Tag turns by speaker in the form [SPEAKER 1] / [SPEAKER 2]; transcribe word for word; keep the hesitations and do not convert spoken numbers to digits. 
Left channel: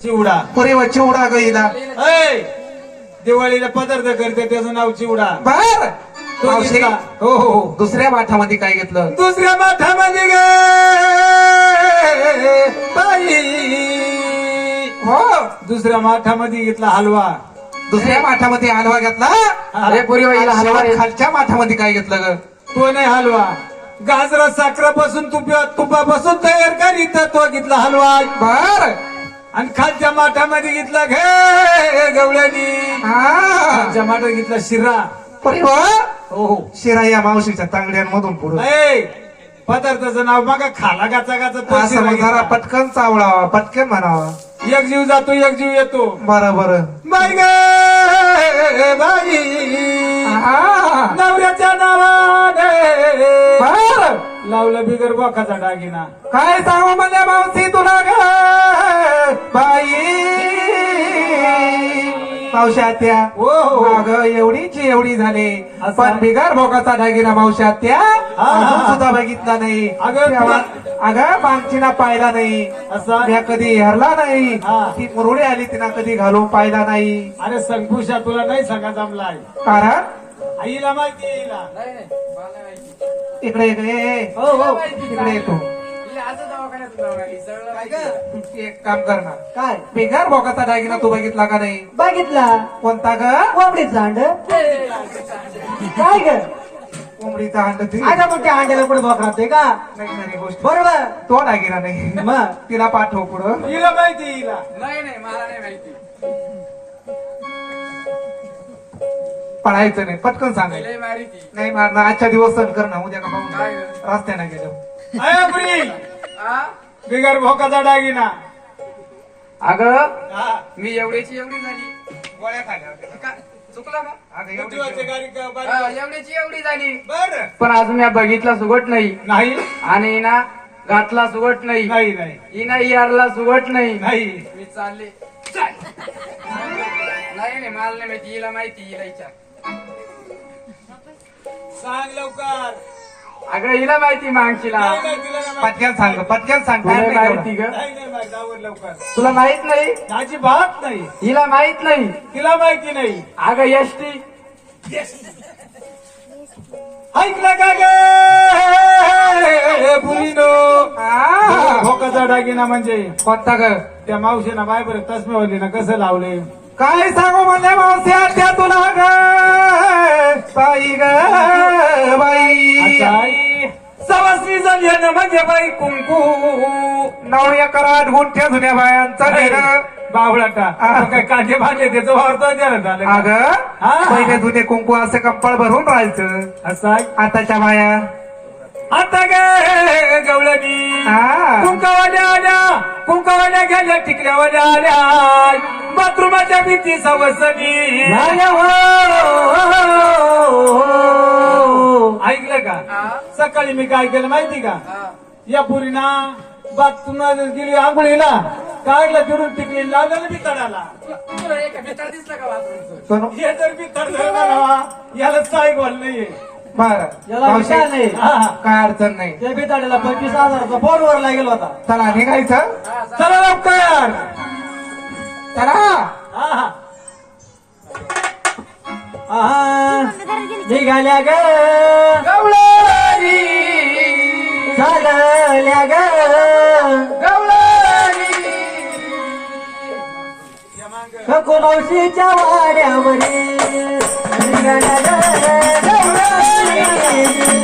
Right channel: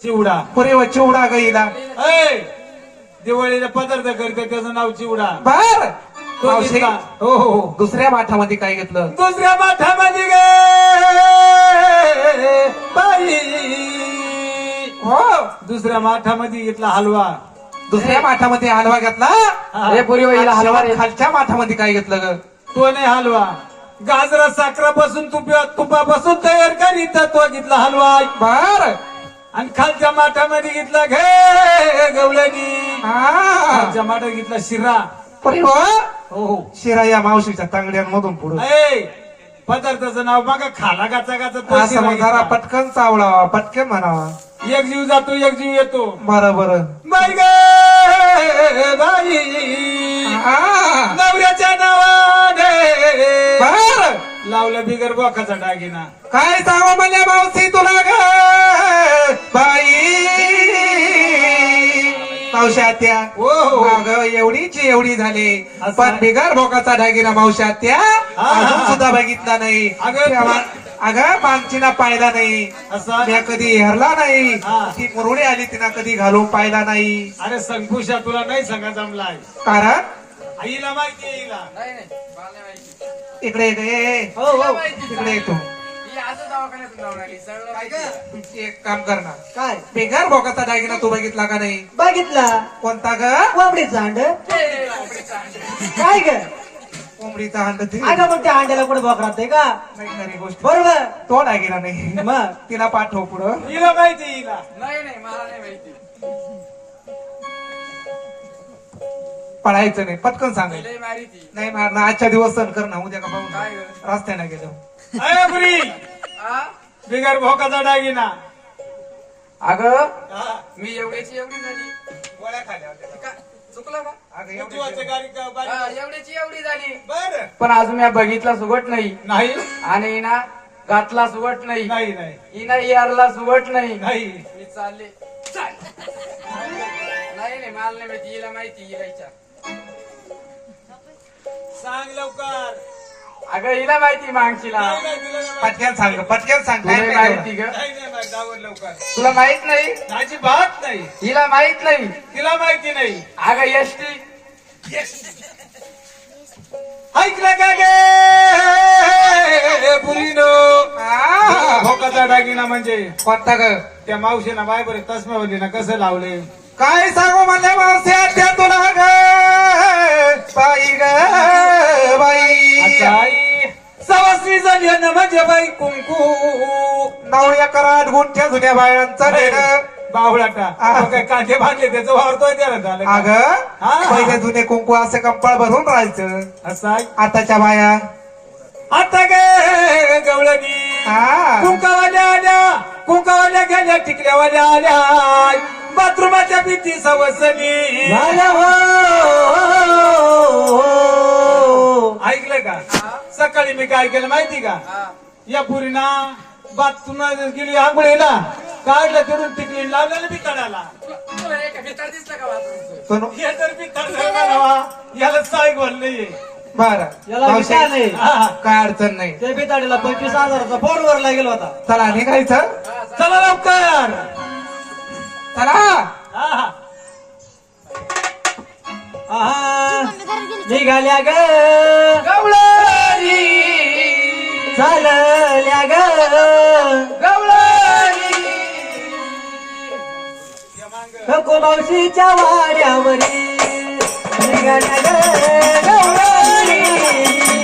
[SPEAKER 1] चिवडा
[SPEAKER 2] पुरे व चिवडा गईला
[SPEAKER 1] ऐ दिवाळीला पदार्थ करते त्याचं नाव चिवडा
[SPEAKER 2] बर
[SPEAKER 1] तो
[SPEAKER 2] मावशी,
[SPEAKER 1] घेतला. हो हो हो
[SPEAKER 2] दुसऱ्या माठामध्ये काय घेतलं
[SPEAKER 1] दुसऱ्या माठामध्ये गे बाई
[SPEAKER 2] हो
[SPEAKER 1] दुसऱ्या माठामध्ये घेतला हलवा
[SPEAKER 2] दुसऱ्या माठामध्ये हलवा घेतला
[SPEAKER 1] हा.
[SPEAKER 2] रे पुरी वहिला हलवा खालच्या माठामध्ये काय घेतलं ग
[SPEAKER 1] तो नाही हलवा गाजरा साखरापासून तुपा तुपापासून तयार करीत तो घेतला हलवा
[SPEAKER 2] बर
[SPEAKER 1] आणि खालच्या माठामध्ये घेतला घे गवळणी
[SPEAKER 2] हा
[SPEAKER 1] खालच्या माठात घेतला शिरा
[SPEAKER 2] पुरी व
[SPEAKER 1] हो हो
[SPEAKER 2] शिरा या मावशीच्या तांगड्यांमधून पुढे
[SPEAKER 1] ऐ पदार्थाचं नाव मग खाला गाचा गाचा तो शिरा
[SPEAKER 2] जरा
[SPEAKER 1] घेतला.
[SPEAKER 2] पटकन चावळावा पटकन म्हणावा
[SPEAKER 1] एक जीव जातो एक जीव येतो
[SPEAKER 2] बरं बरं
[SPEAKER 1] बाई गे बाई
[SPEAKER 2] हा
[SPEAKER 1] नवऱ्याच्या नावाने
[SPEAKER 2] बर
[SPEAKER 1] लावलं बिगर बोकाचा डागिना
[SPEAKER 2] काय सांगू मला मावशी तुला ग बाई मावशी आत्या
[SPEAKER 1] हो हो
[SPEAKER 2] अगं एवढीची एवढी झाली
[SPEAKER 1] असं?
[SPEAKER 2] पण बिगार भोगाचा ढागिरा मावशी आत्या
[SPEAKER 1] हा.
[SPEAKER 2] अजून सुद्धा बघितला नाही
[SPEAKER 1] अगं,
[SPEAKER 2] तेव्हा- अगं मागचीना पाहिला नाही
[SPEAKER 1] असा
[SPEAKER 2] मी कधी हरला नाही
[SPEAKER 1] हा.
[SPEAKER 2] ती मुरुडी आली तिला कधी घालून पाहिला नाही
[SPEAKER 1] अरे संकुशा तुला नाही सांगा जमलाय
[SPEAKER 2] कारण
[SPEAKER 1] आईला माहिती आहे आईला
[SPEAKER 3] नाही नाही मला नाही माहिती.
[SPEAKER 2] इकडे ये.
[SPEAKER 1] हो हो
[SPEAKER 3] माहिती
[SPEAKER 2] इकडे येतो
[SPEAKER 3] ही आजच दवाखान्यातून जाऊन आली सगळं माहिती.
[SPEAKER 2] तुमची एक काम करणार
[SPEAKER 4] काय
[SPEAKER 2] बिगार भोगाचा दागिना तू बघितला का नाही
[SPEAKER 4] बघितला
[SPEAKER 2] कोणता ग
[SPEAKER 4] कोंबडीचा अंड काय ग
[SPEAKER 2] कोंबडीचा अंड ती
[SPEAKER 4] आता मग त्या अंड्याला कुठे बघ राहते का
[SPEAKER 2] नाही खरी गोष्ट
[SPEAKER 4] बरोबर
[SPEAKER 2] तो दागिना नाही
[SPEAKER 4] मग
[SPEAKER 2] तिला पाठव पुढं
[SPEAKER 1] हिला माहिती आहे हिला
[SPEAKER 3] नाही नाही मला नाही माहिती.
[SPEAKER 2] पळायचं नाही पटकन सांगायचं
[SPEAKER 3] लय मारी ती.
[SPEAKER 2] नाही मारणं आजच्या दिवस सण करणं उद्या का पाहून
[SPEAKER 3] काय
[SPEAKER 2] जा.
[SPEAKER 3] ग?
[SPEAKER 2] रस्त्याने गेलो
[SPEAKER 1] अय बुरी
[SPEAKER 3] आ?
[SPEAKER 1] बिगर भोकाचा डागिना
[SPEAKER 3] अगं
[SPEAKER 1] हा
[SPEAKER 3] मी एवढीची एवढी झाली
[SPEAKER 1] गोळ्या खाल्या होत्या.
[SPEAKER 3] का चुकलं का
[SPEAKER 2] अगं एवढी-
[SPEAKER 1] बुद्धिवाचे गाडी का बारी-
[SPEAKER 3] हा, एवढीची एवढी झाली
[SPEAKER 1] बर
[SPEAKER 3] पण अजून मी बघितला सुगट नाही
[SPEAKER 1] नाही
[SPEAKER 3] आणि ना घातला सुगट नाही
[SPEAKER 1] नाही नाही
[SPEAKER 3] हिना यारला सुगट नाही
[SPEAKER 1] नाही
[SPEAKER 3] मी चालले नाही नाही मला नाही माहिती हिला माहिती हिला विचार.
[SPEAKER 1] सांग लवकर
[SPEAKER 3] अगं हिला माहिती मागशीला
[SPEAKER 1] नाही, नाही, तिला नाही माहिती.
[SPEAKER 2] पटक्यान सांग पटक्यान सांग
[SPEAKER 3] तुला
[SPEAKER 2] काय नाही
[SPEAKER 3] माहिती
[SPEAKER 2] तेवढं.
[SPEAKER 3] ग
[SPEAKER 1] नाही नाही माहिती, जाऊन लवकर
[SPEAKER 3] तुला माहित नाही
[SPEAKER 1] माझी भात नाही
[SPEAKER 3] हिला माहित नाही
[SPEAKER 1] तिला माहिती नाही
[SPEAKER 3] अगं एसटी
[SPEAKER 1] ऐकलं का गे पुरीनो
[SPEAKER 2] आ,
[SPEAKER 1] भोकाचा डागिना म्हणजे
[SPEAKER 2] कोणता ग
[SPEAKER 1] त्या मावशीना बाय बरे तसम्यावलीना कसं लावले
[SPEAKER 2] काय सांगू म्हणजे मावस्या त्या तुला ग ताई ग बाई
[SPEAKER 1] अच्छा, आई सवासणी झाली ना म्हणजे बाई कुंकू
[SPEAKER 2] नऊ एकर आठ गुंठ्या जुन्या बायांचं घेणं
[SPEAKER 1] बावळाटा
[SPEAKER 2] हा.
[SPEAKER 1] काय कांदे भाजे त्याचं वारतोय त्याला झालं का?
[SPEAKER 2] अग
[SPEAKER 1] हा.
[SPEAKER 2] पहिले जुने कुंकू असे कंपाळ भरून राहायचं
[SPEAKER 1] असं आहे.
[SPEAKER 2] आताच्या बाया
[SPEAKER 1] आता काय गवळणी
[SPEAKER 2] हा.
[SPEAKER 1] कुंकावाल्या आल्या कुंकावाल्या गेल्या टिकल्यावाल्या आल्या बाथरूमाच्या भीती सवसनी
[SPEAKER 4] झाल्या हो.
[SPEAKER 1] ऐकलं का
[SPEAKER 3] हा?
[SPEAKER 1] सकाळी मी काय केलं माहिती का
[SPEAKER 3] हा.
[SPEAKER 1] या पुरीना बाथरूमात गेली आंघोळीला काढलं तिथून टिकली लावलं मी तडाला
[SPEAKER 3] तुला तुला एक भितर दिसलं का बाथरूमचं
[SPEAKER 2] सोनू,
[SPEAKER 1] हे जर मी तड म्हणावा याला साई बोल नाही
[SPEAKER 2] बरं
[SPEAKER 4] याला
[SPEAKER 2] मावशी,
[SPEAKER 4] विचार नाही.
[SPEAKER 2] काय अडचण नाही
[SPEAKER 4] ते बिताडीला पंचवीस हजाराचा फोनवर लागेल होता
[SPEAKER 2] चला निघायचं
[SPEAKER 3] हा, जा.
[SPEAKER 1] चला लवकर
[SPEAKER 2] चला
[SPEAKER 1] हा हा
[SPEAKER 4] आहा. निघाल्या ग
[SPEAKER 3] गवळणी
[SPEAKER 4] चालल्या ग
[SPEAKER 3] गवळणी
[SPEAKER 4] कोणाशीच्या वाड्यावरी निघाल्या ग गवळणी.